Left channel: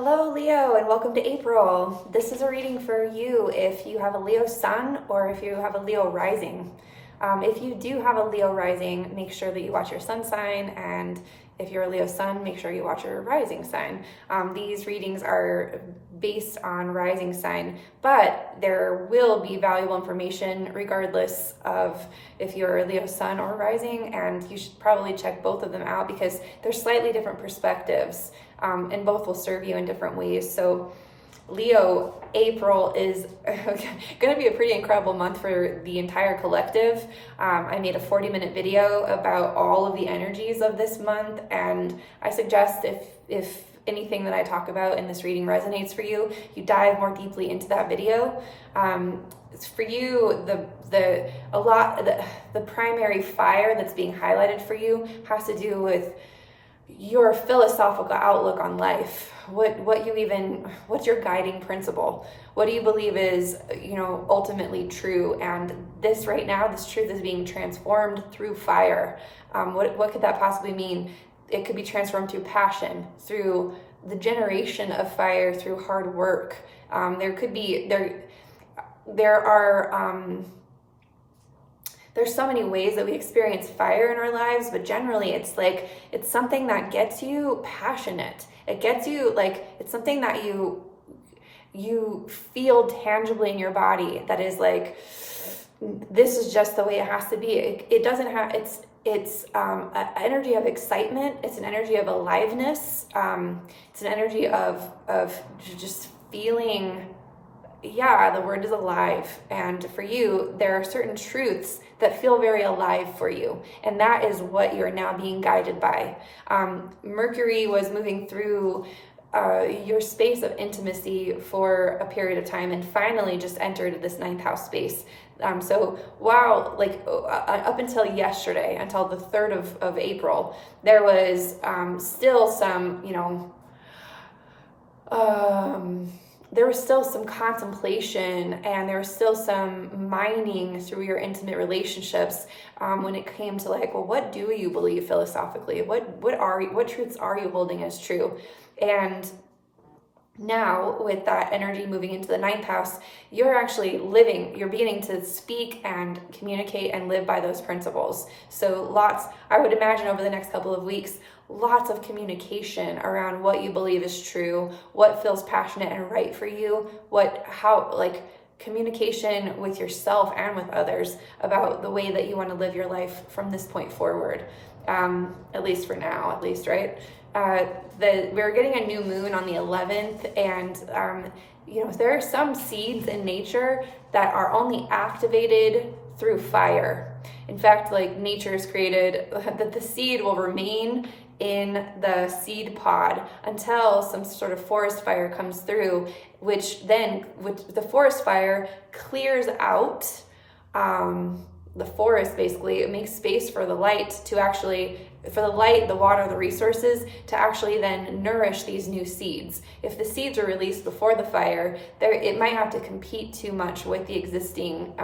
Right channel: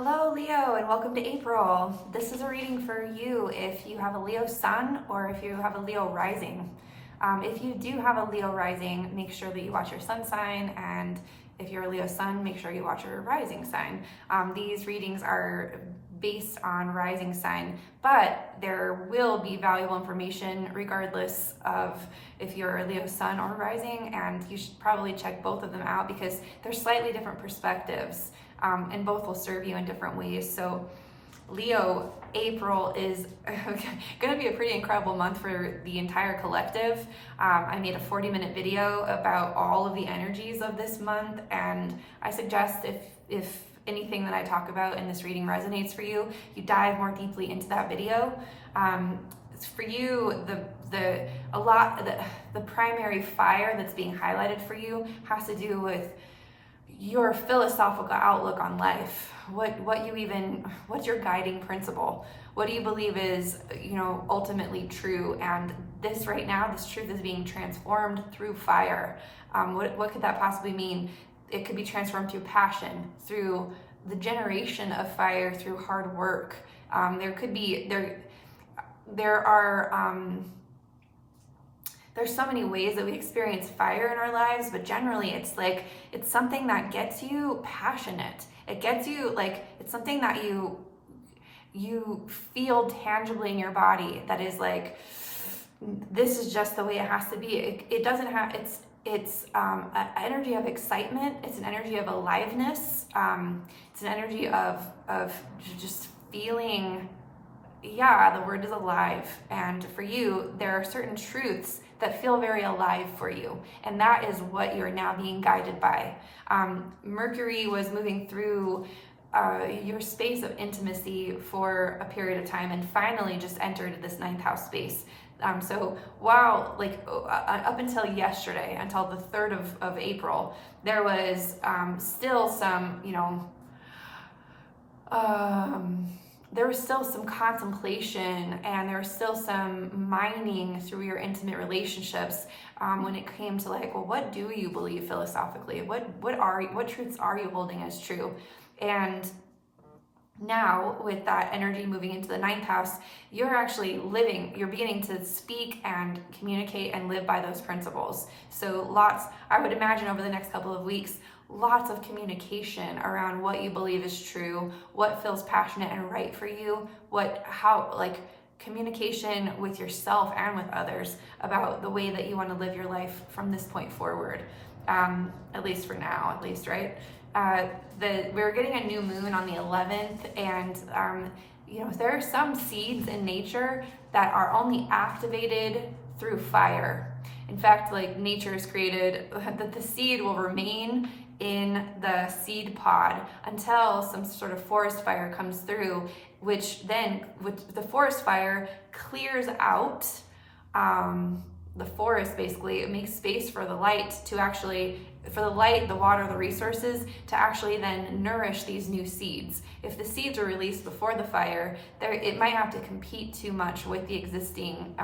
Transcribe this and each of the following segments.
Hello Leo, and welcome to April. This is a reading for you if you have a Leo sun or if you have a Leo rising. If you do have a Leo rising, make sure that you watch your sun sign, and if you're a Leo sun, make sure you watch your rising sign. These readings are based on rising sign, but there will be valuable information regardless of if you're a Leo sun or rising, and you should probably check both of them out because they're slightly different perspectives, and both will serve you in different ways. So Leo, April is going to be a pretty incredible month for the entire collective. I made a 40-minute video about all of the energies of this month, and I suggest if anything that I talk about in this reading resonates for you, you dive more deeply into that video. For you, the primary fire that's being highlighted for you has to do with your philosophical outlook on life. What's your guiding principle? What do you believe is, ultimately true? And this right now, this truth is being transformed through fire. What could that possibly mean? It could be transformed through passion, through the generation of fire, through hard work. There's so many ways that we experience fire in our lives, but generally it's something that gets you passionate. It gets you it's something that you feel tangibly in your body that is like, this is just the way it has to be. It doesn't have, it's an energy of excitement. It's an energy of aliveness. It's an energy of just feeling, yeah, the word is alive. And for you, there are certain truths that feel very alive for you. And that is what you're now being guided by. Mercury was moving through your space of intimacy for a period of time and finally just entered this 9th house space. So wow, up until yesterday, until the 3rd of April, there was still some, there was still some contemplation, and there was still some mining through your intimate relationships when it came to what do you believe philosophically? What truths are you holding as true? And now with that energy moving into the 9th house, you're beginning to speak and communicate and live by those principles. So I would imagine over the next couple of weeks, lots of communication around what you believe is true, what feels passionate and right for you, communication with yourself and with others about the way that you want to live your life from this point forward. At least for now, right? We're getting a new moon on the 11th, and there are some seeds in nature that are only activated through fire. In fact, nature has created that the seed will remain in the seed pod until some sort of forest fire comes through, which then with the forest fire clears out the forest. Basically, it makes space for the light, the water, the resources to actually then nourish these new seeds. If the seeds are released before the fire, it might have to compete too much with the existing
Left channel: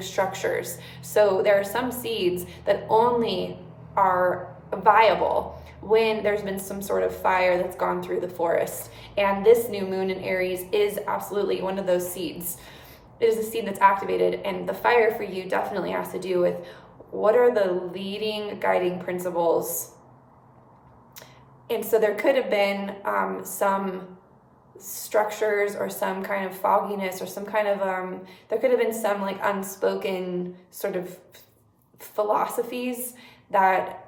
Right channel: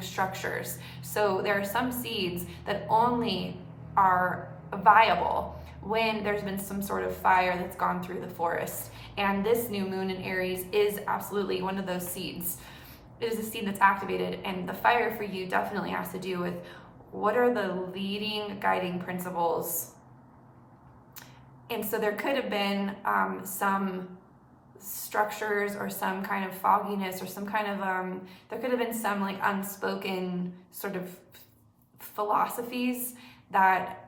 structures. So there are some seeds that only are viable when there's been some sort of fire that's gone through the forest. And this new moon in Aries is absolutely one of those seeds. It is a seed that's activated, and the fire for you definitely has to do with what are the leading guiding principles. And so there could have been some structures or some kind of fogginess or some kind of there could have been some unspoken sort of philosophies that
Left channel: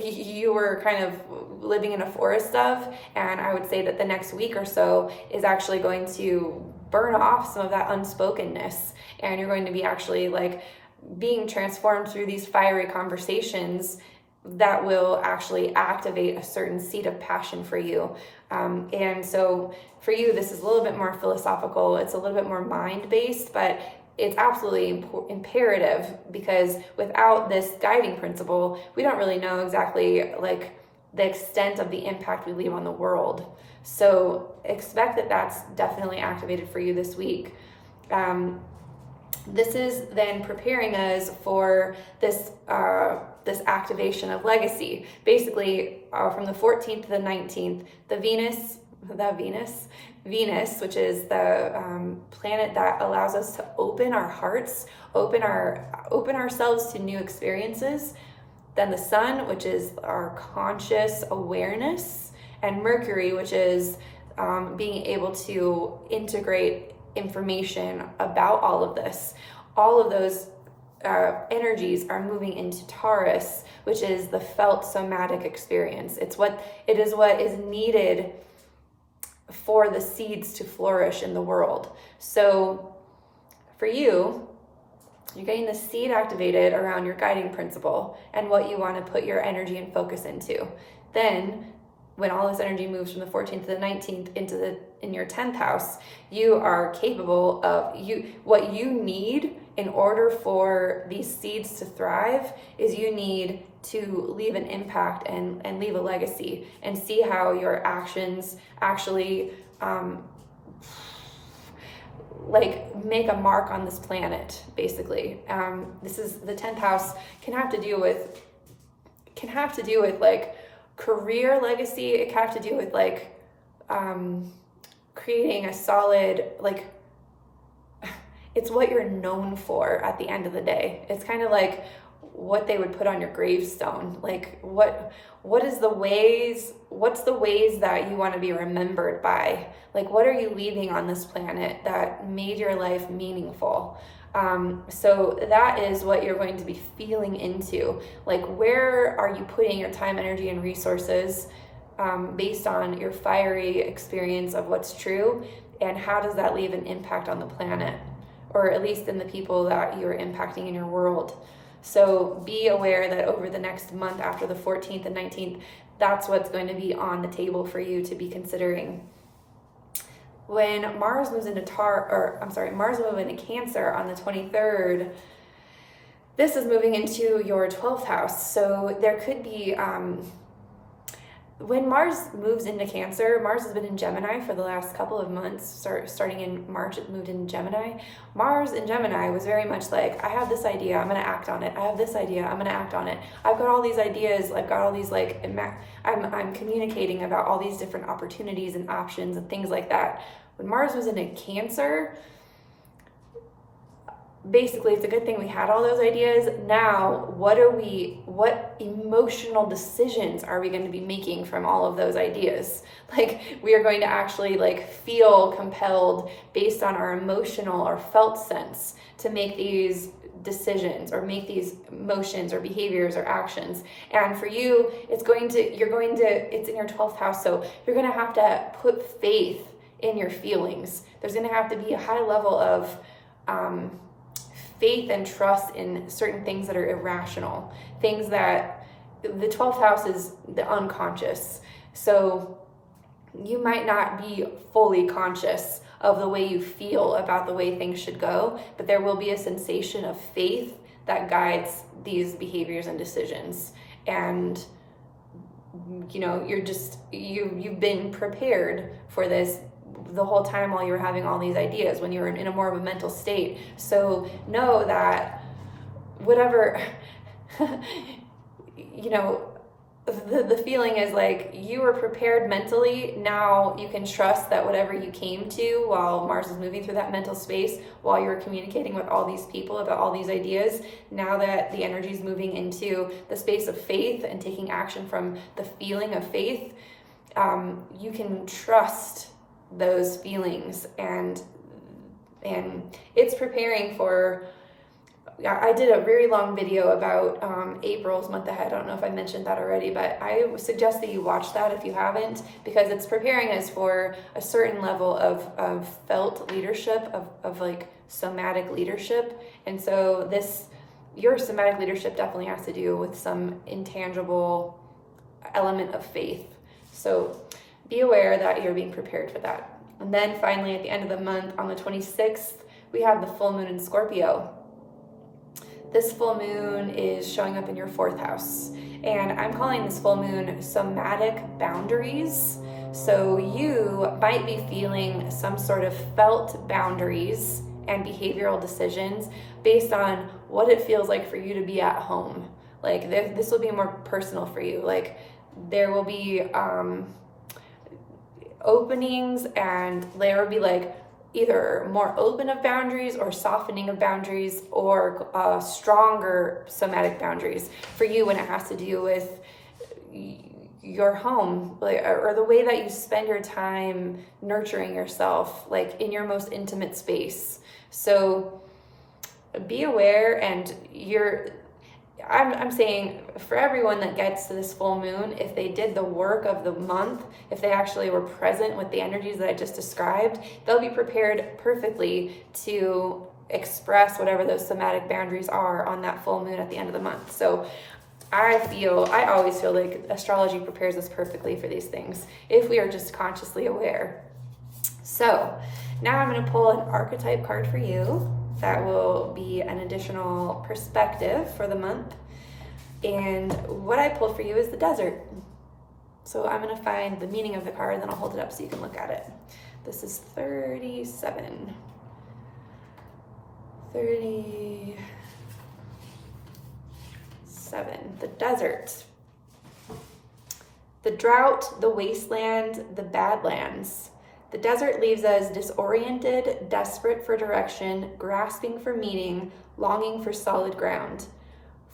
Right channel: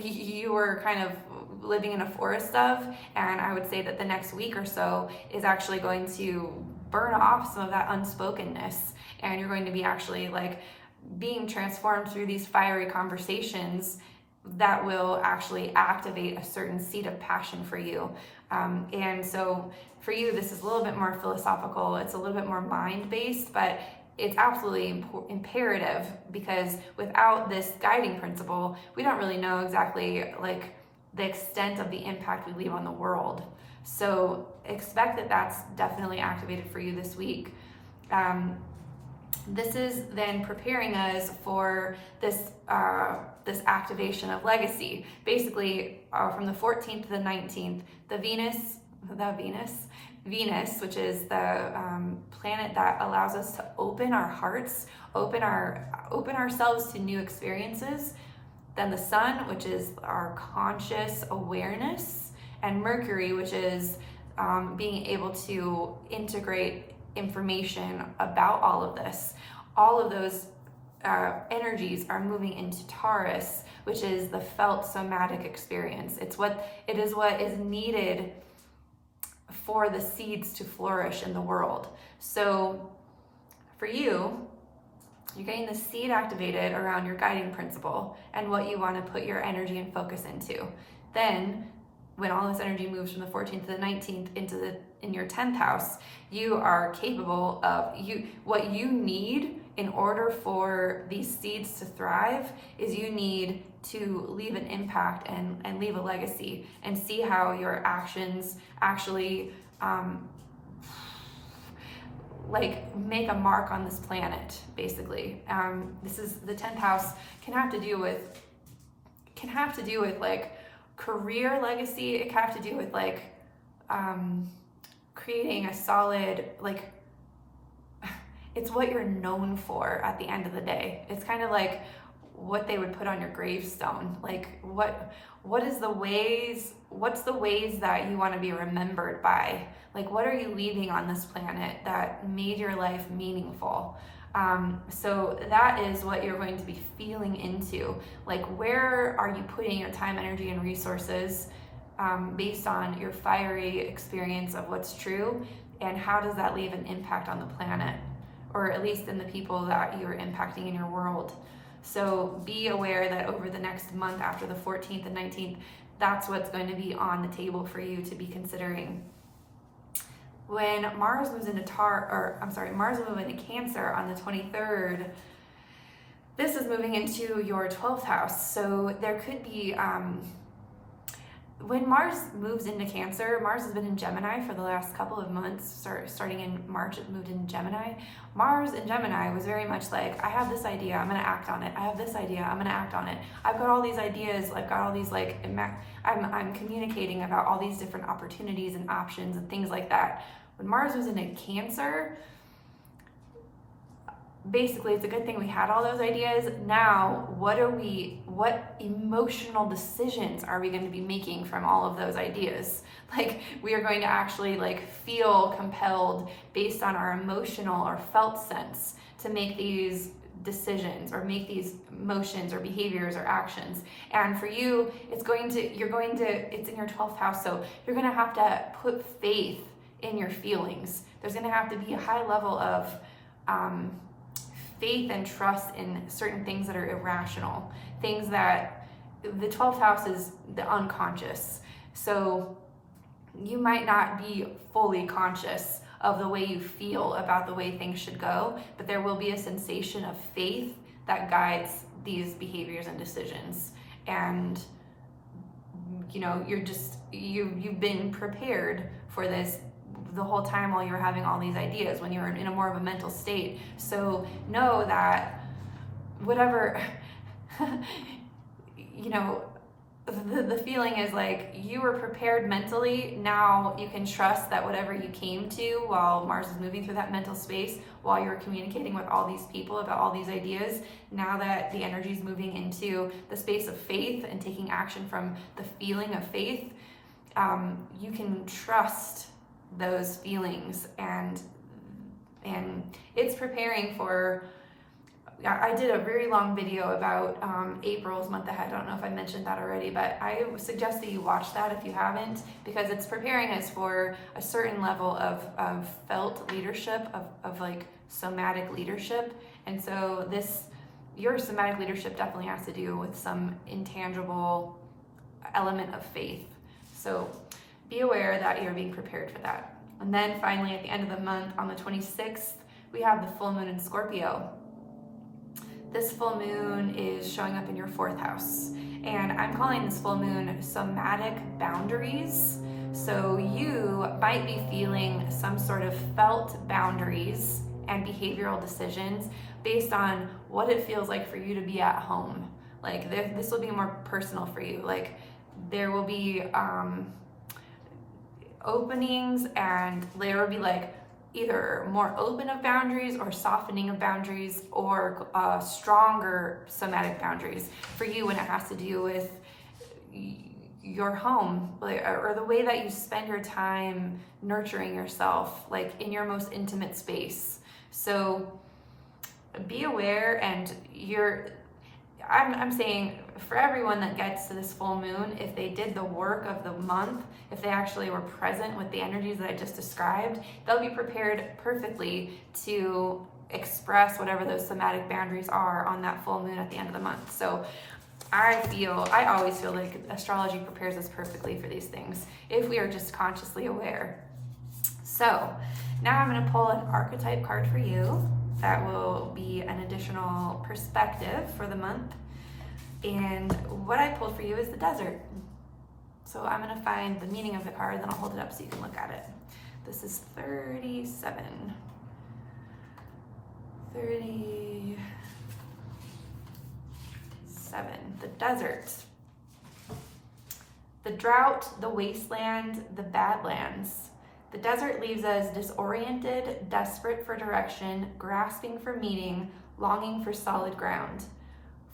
you were kind of living in a forest of. And I would say that the next week or so is actually going to burn off some of that unspokenness, and you're going to be actually being transformed through these fiery conversations that will actually activate a certain seed of passion for you. And so for you, this is a little bit more philosophical. It's a little bit more mind-based, but it's absolutely imperative, because without this guiding principle, we don't really know exactly the extent of the impact we leave on the world. So expect that that's definitely activated for you this week. This is then preparing us for this activation of legacy. Basically, from the 14th to the 19th, the Venus Venus, which is the planet that allows us to open our hearts, open ourselves to new experiences. Then the Sun, which is our conscious awareness, and Mercury, which is being able to integrate information about all of this. All of those energies are moving into Taurus, which is the felt somatic experience. It is what is needed for the seeds to flourish in the world. So for you, you're getting the seed activated around your guiding principle and what you want to put your energy and focus into. Then when all this energy moves from the 14th to the 19th in your 10th house, you are capable of what you need in order for these seeds to thrive is you need to leave an impact and leave a legacy and see how your actions actually like make a mark on this planet, basically. This is the 10th house can have to do with like career legacy. It can have to do with like creating a solid, like, it's what you're known for at the end of the day. It's kind of like what they would put on your gravestone. Like what's the ways that you want to be remembered by? Like, what are you leaving on this planet that made your life meaningful? So that is what you're going to be feeling into. Like, where are you putting your time, energy, and resources based on your fiery experience of what's true? And how does that leave an impact on the planet? Or at least in the people that you're impacting in your world. So be aware that over the next month after the 14th and 19th, that's what's going to be on the table for you to be considering. When Mars moves into Mars moves into Cancer on the 23rd, this is moving into your 12th house. So there could be, when Mars moves into Cancer, Mars has been in Gemini for the last couple of months. Starting in March, it moved into Gemini. Mars in Gemini was very much like, I have this idea, I'm going to act on it. I have this idea, I'm going to act on it. I've got all these ideas, I've got all these I'm communicating about all these different opportunities and options and things like that. When Mars was into Cancer, basically it's a good thing we had all those ideas. Now, what emotional decisions are we going to be making from all of those ideas? Like, we are going to actually like feel compelled based on our emotional or felt sense to make these decisions or make these motions or behaviors or actions. And for you, it's in your 12th house. So you're going to have to put faith in your feelings. There's going to have to be a high level of, faith and trust in certain things that are irrational, things that the 12th house is the unconscious. So you might not be fully conscious of the way you feel about the way things should go, but there will be a sensation of faith that guides these behaviors and decisions. And you've been prepared for this the whole time while you're having all these ideas, when you're in a more of a mental state. So know that whatever, the feeling is like you were prepared mentally. Now you can trust that whatever you came to while Mars is moving through that mental space, while you're communicating with all these people about all these ideas, now that the energy is moving into the space of faith and taking action from the feeling of faith, you can trust those feelings, and it's preparing for. I did a very long video about April's month ahead. I don't know if I mentioned that already, but I suggest that you watch that if you haven't, because it's preparing us for a certain level of felt leadership, of like somatic leadership. And so your somatic leadership definitely has to do with some intangible element of faith. So be aware that you're being prepared for that. And then finally, at the end of the month, on the 26th, we have the full moon in Scorpio. This full moon is showing up in your 4th house. And I'm calling this full moon somatic boundaries. So you might be feeling some sort of felt boundaries and behavioral decisions based on what it feels like for you to be at home. Like this will be more personal for you. Like there will be openings, and there would be like either more open of boundaries or softening of boundaries, or stronger somatic boundaries for you when it has to do with your home, like, or the way that you spend your time nurturing yourself, like in your most intimate space. So be aware, and I'm saying for everyone that gets to this full moon, if they did the work of the month, if they actually were present with the energies that I just described, they'll be prepared perfectly to express whatever those somatic boundaries are on that full moon at the end of the month. So I always feel like astrology prepares us perfectly for these things if we are just consciously aware. So now I'm going to pull an archetype card for you that will be an additional perspective for the month. And what I pulled for you is the desert. So I'm going to find the meaning of the card, then I'll hold it up so you can look at it. This is 37. The desert. The drought, the wasteland, the badlands. The desert leaves us disoriented, desperate for direction, grasping for meaning, longing for solid ground.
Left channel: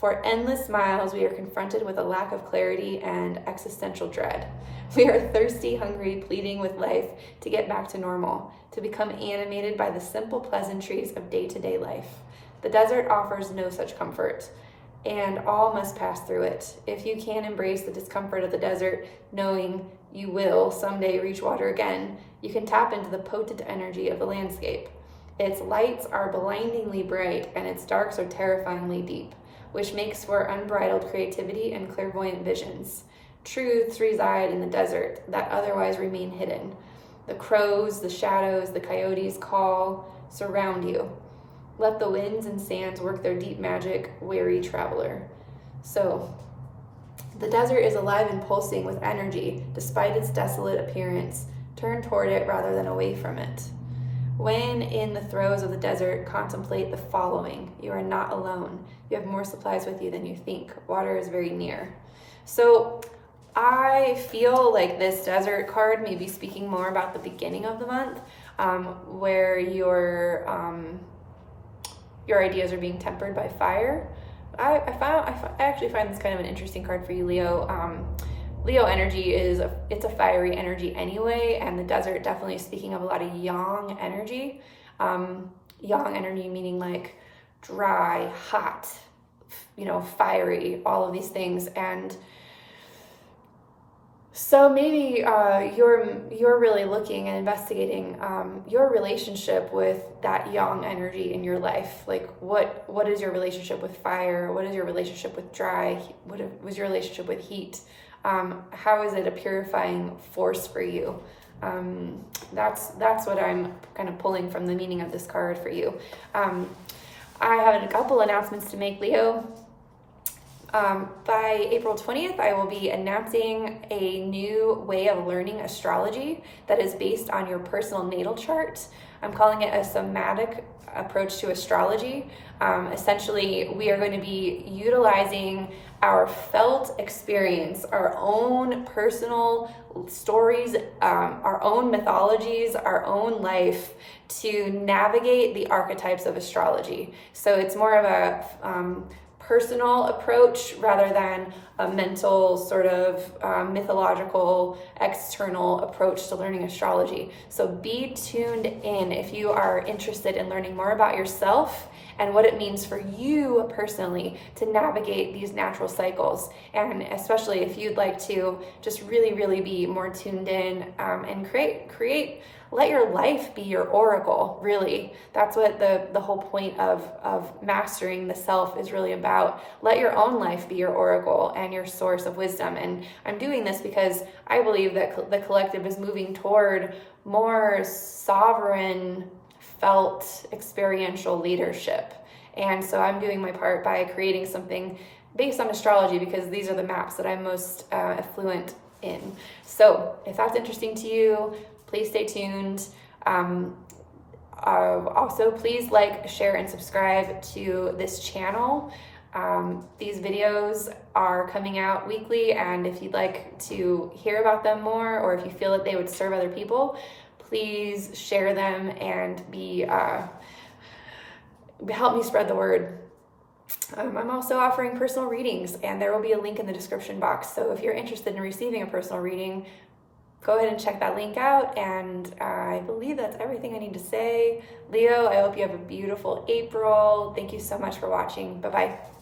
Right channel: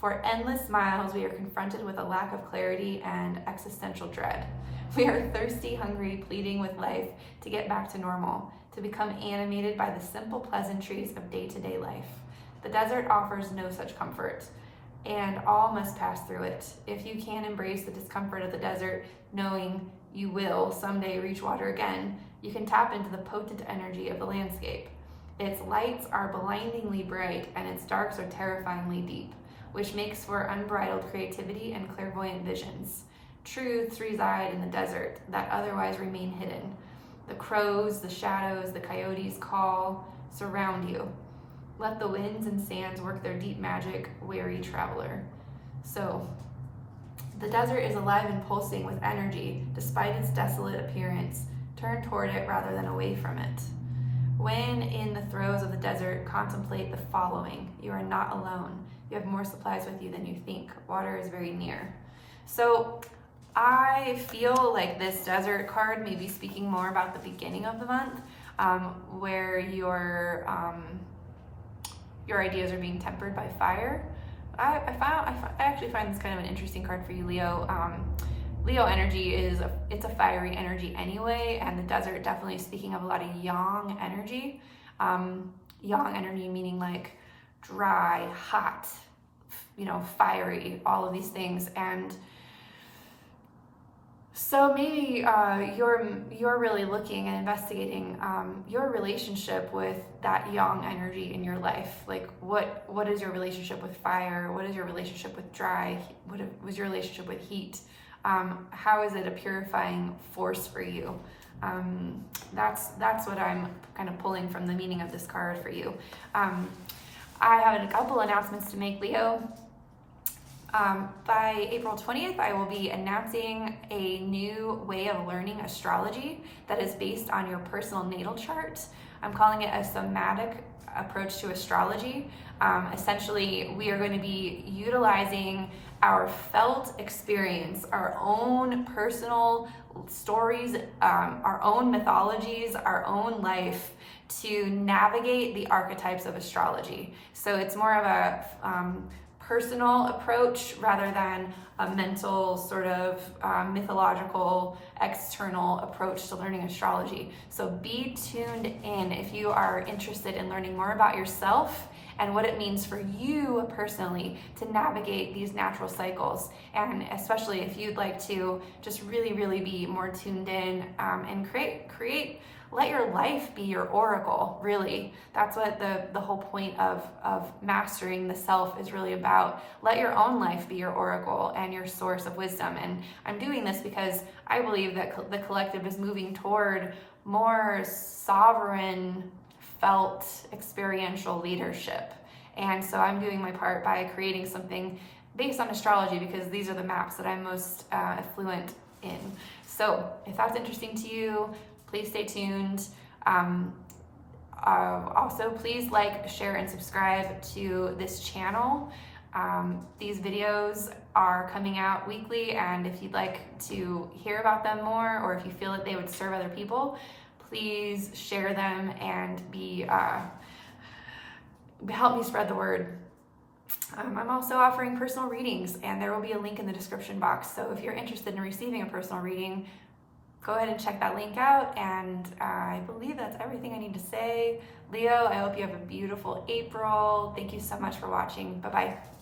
For endless miles, we are confronted with a lack of clarity and existential dread. We are thirsty, hungry, pleading with life to get back to normal, to become animated by the simple pleasantries of day-to-day life. The desert offers no such comfort, and all must pass through it. If you can embrace the discomfort of the desert, knowing you will someday reach water again, you can tap into the potent energy of the landscape. Its lights are blindingly bright, and its darks are terrifyingly deep, which makes for unbridled creativity and clairvoyant visions. Truths reside in the desert that otherwise remain hidden. The crows, the shadows, the coyotes call, surround you. Let the winds and sands work their deep magic, weary traveler. So, the desert is alive and pulsing with energy, despite its desolate appearance. Turn toward it rather than away from it. When in the throes of the desert, contemplate the following. You are not alone. You have more supplies with you than you think. Water is very near. So I feel like this desert card may be speaking more about the beginning of the month, where your ideas are being tempered by fire. I actually find this kind of an interesting card for you, Leo. Leo energy it's a fiery energy anyway, and the desert definitely is speaking of a lot of yang energy. Yang energy meaning like dry, hot, fiery, all of these things. And so maybe you're really looking and investigating your relationship with that yang energy in your life. Like what is your relationship with fire? What is your relationship with dry? What was your relationship with heat? How is it a purifying force for you? That's what I'm kind of pulling from the meaning of this card for you. I have a couple announcements to make, Leo. By April 20th, I will be announcing a new way of learning astrology that is based on your personal natal chart. I'm calling it a somatic approach to astrology. Essentially, we are going to be utilizing our felt experience, our own personal stories, our own mythologies, our own life to navigate the archetypes of astrology. So it's more of a personal approach rather than a mental sort of mythological external approach to learning astrology. So be tuned in if you are interested in learning more about yourself and what it means for you personally to navigate these natural cycles. And especially if you'd like to just really, really be more tuned in and create let your life be your oracle, really. That's what the whole point of mastering the self is really about. Let your own life be your oracle and your source of wisdom. And I'm doing this because I believe that the collective is moving toward more sovereign, felt, experiential leadership. And so I'm doing my part by creating something based on astrology because these are the maps that I'm most fluent in. So if that's interesting to you, please stay tuned. Also, please like, share, and subscribe to this channel. These videos are coming out weekly, and if you'd like to hear about them more, or if you feel that they would serve other people, please share them and help me spread the word. I'm also offering personal readings, and there will be a link in the description box. So if you're interested in receiving a personal reading, go ahead and check that link out. And I believe that's everything I need to say. Leo, I hope you have a beautiful April. Thank you so much for watching. Bye-bye.